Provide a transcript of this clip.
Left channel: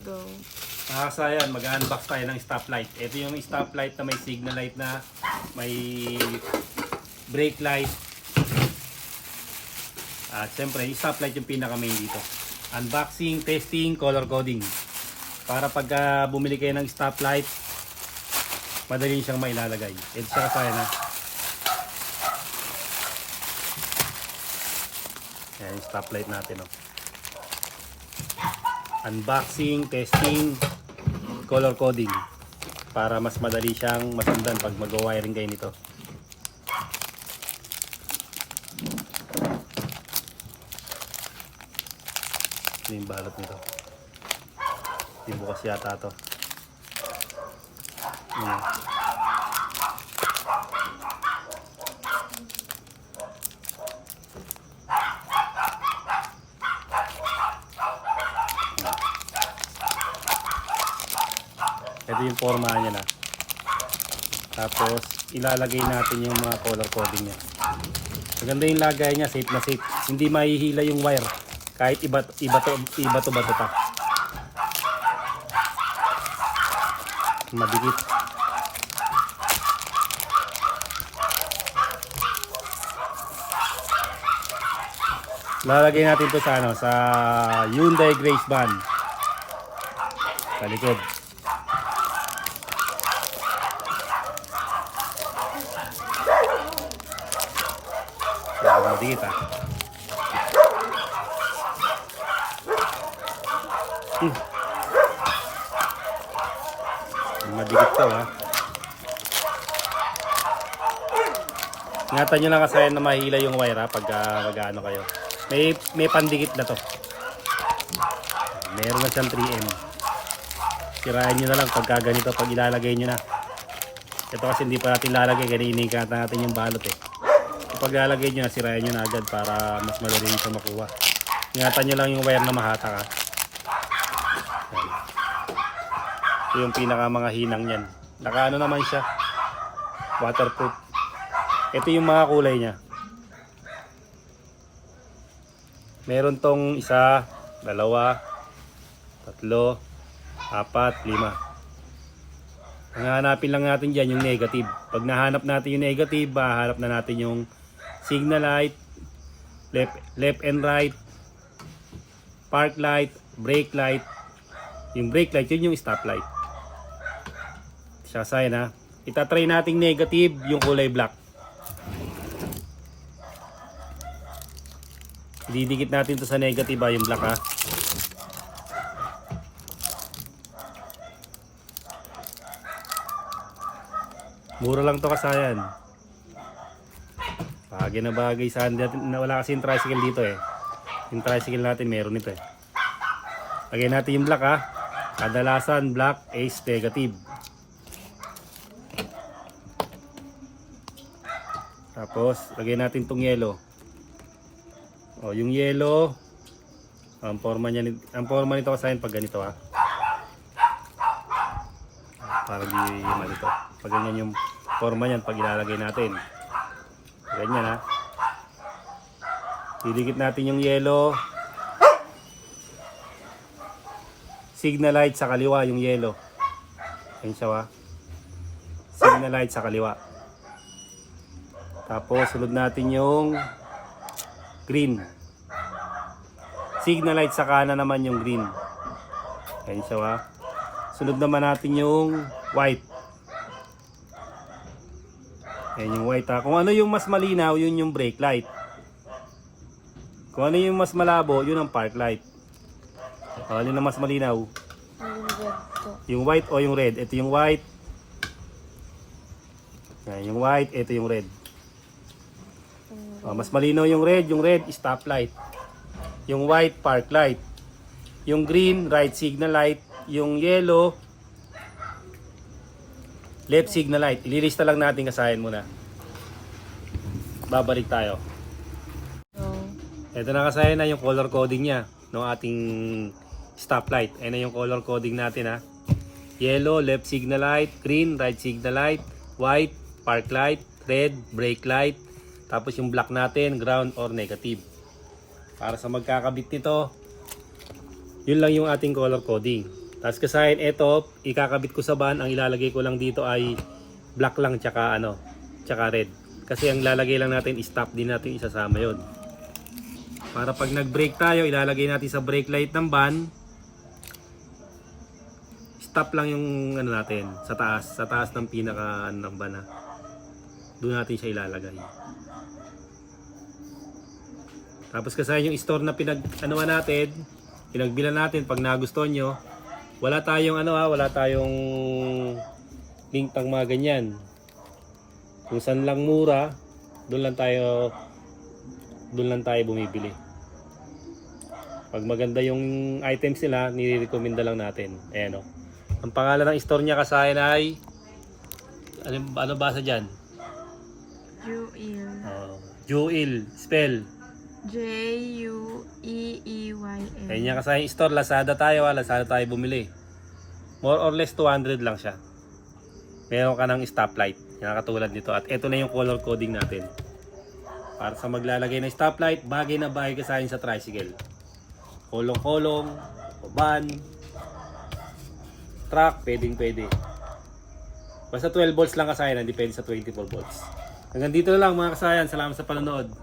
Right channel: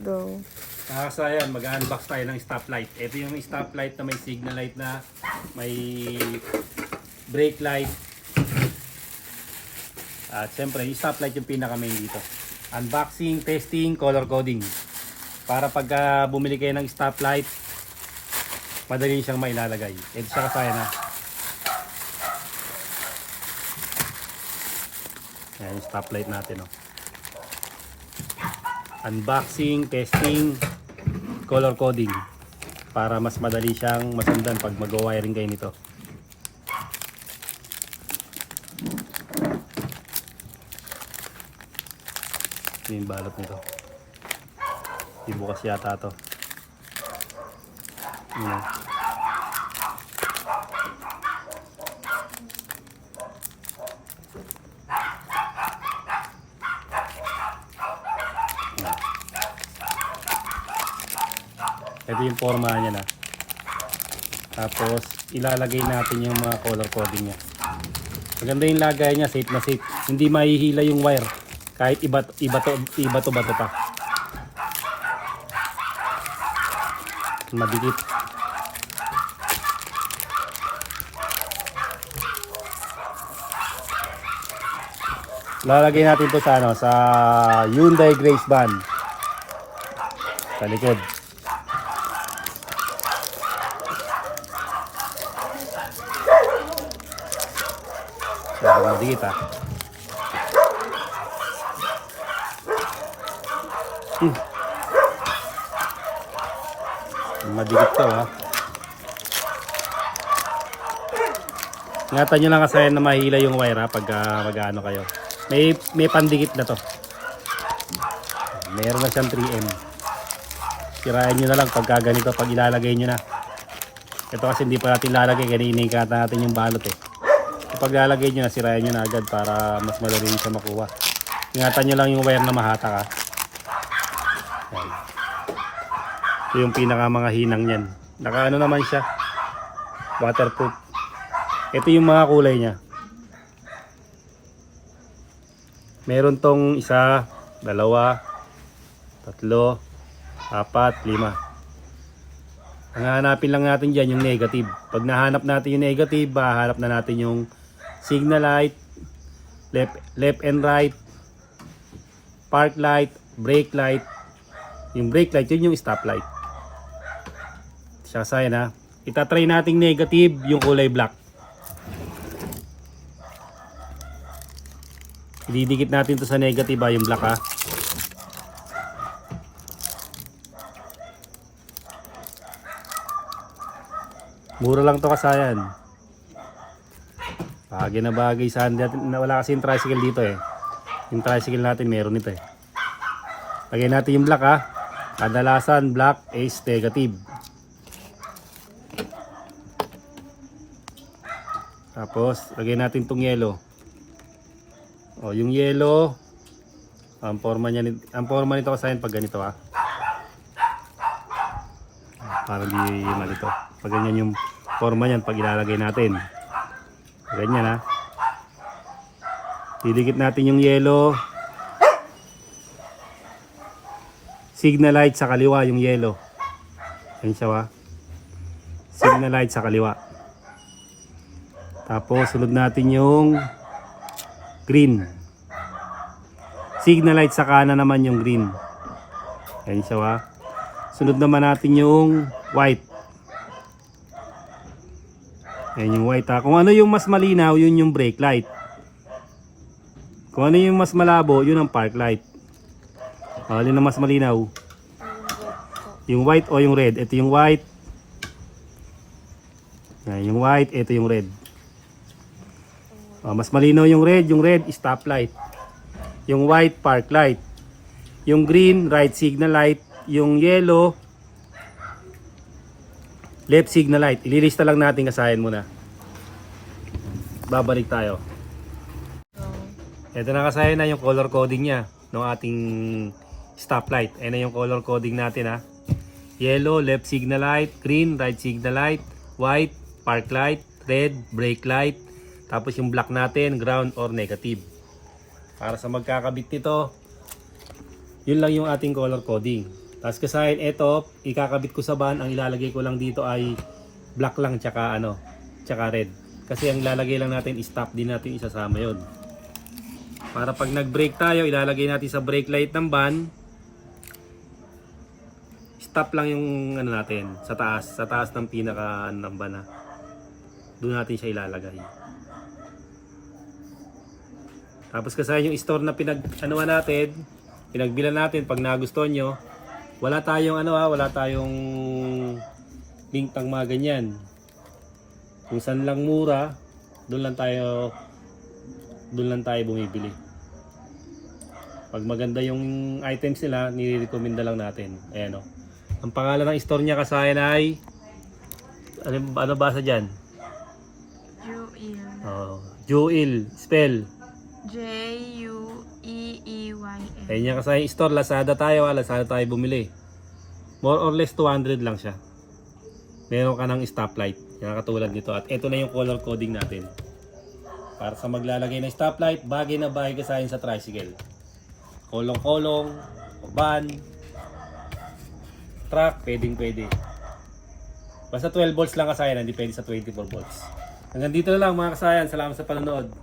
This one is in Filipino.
Go. Nakasayan, mag-unbox tayo ng stoplight. Ito yung stoplight na may signal light na, may brake light. At syempre, yung stoplight yung pinaka-main dito. Unboxing, testing, color coding. Para pag bumili kayo ng stoplight, madali siyang mailalagay. Ito siya kasayan ha. Ayan yung stoplight natin. Oh. Unboxing, testing, color coding. Para mas madali siyang masundan pag mag-wiring kayo nito. Ito yung balot nito. Di bukas yata to. Ayan. Ito yung forma niya na. Tapos ilalagay natin yung mga color coding niya. Maganda yung lagay niya, safe na safe. Hindi mahihila yung wire kahit iba to pa. Madikit. Lalagay natin to sa sa Hyundai Grace Van. Sa likod. Madikit ha. Madikit to ha. Ingatan nyo lang kasi na mahila yung wire ha pag mag-ano kayo. May pandikit na to. Meron na siyang 3M. Sirahan nyo na lang pag ganito pag ilalagay nyo na. Ito kasi hindi pa natin lalagay kasi inikata natin yung balot eh. Kapag lalagay nyo na, sirahan nyo na agad para mas madali siya makuha. Ingatan nyo lang yung wire na mahata ha. Ito yung pinaka mga hinang yan. Nakaano naman siya. Waterproof. Ito yung mga kulay niya. Meron tong 1, 2, 3, 4, 5. Ang hahanapin lang natin dyan yung negative. Pag nahanap natin yung negative, hahanap na natin yung signal light, left and right, park light, brake light. Yung brake light, yun yung stop light. Siya sign ha. Itatry natin negative yung kulay black. Ididikit natin to sa negative ha, yung black ha. Mura lang to kasayan. Bagay na bagay sa wala kasi yung tricycle dito eh. Yung tricycle natin meron ito eh. Lagyan natin yung black ha. Kadalasan black is negative. Tapos lagyan natin tong yellow. O yung yellow, ang forma nito kasayan pag ganito ha. Parang di yun ito. Pag ganyan yung forma niyan pag ilalagay natin. Ganyan ha. Didikit natin yung yellow. Signal light sa kaliwa yung yellow. Ganyan siya ha. Signal light sa kaliwa. Tapos sunod natin yung green. Signal light sa kanan naman yung green. Ganyan siya ha. Sunod naman natin yung white. Yan yung white ha. Kung ano yung mas malinaw, yun yung brake light. Kung ano yung mas malabo, yun ang park light. Alin ang mas malinaw? Yung white o yung red? Ito yung white. Yan, yung white, ito yung red. Mas malinaw yung red stop light. Yung white, park light. Yung green, right signal light. Yung yellow, left signal light. Ililista lang natin kasayan muna. Babalik tayo. Ito na kasayan na yung color coding niya ng ating stoplight. Ayan na yung color coding natin ha. Yellow, left signal light. Green, right signal light. White, park light. Red, brake light. Tapos yung black natin, ground or negative. Para sa magkakabit nito, yun lang yung ating color coding. Tapos kasahin, ito, ikakabit ko sa van, ang ilalagay ko lang dito ay black lang tsaka tsaka red. Kasi ang lalagay lang natin, stop din natin isasama yon. Para pag nag-brake tayo, ilalagay natin sa brake light ng van. Stop lang yung natin, sa taas ng pinaka ng van. Doon natin siya ilalagay. Tapos kasahin yung store na pinagbilan natin pag nagustuhan nyo. Wala tayong link ng mga ganyan. Kung saan lang mura, doon lang tayo bumibili. Pag maganda yung items nila, nire-recommenda lang natin. Ayan o. Ang pangalan ng store niya kasahin ay ano basa diyan? Jewel. Jewel, spell. Jueeyl. Ayan niya kasahin store, Lazada tayo bumili. More or less 200 lang siya. Meron ka ng stoplight. Yan katulad nito. At ito na yung color coding natin. Para sa maglalagay ng stoplight, bagay na bagay ka sa tricycle. Kolong-kolong, van, truck, pwede. Basta 12 volts lang kasayan, depende sa 24 volts. Hanggang dito lang mga kasayan. Salamat sa panonood.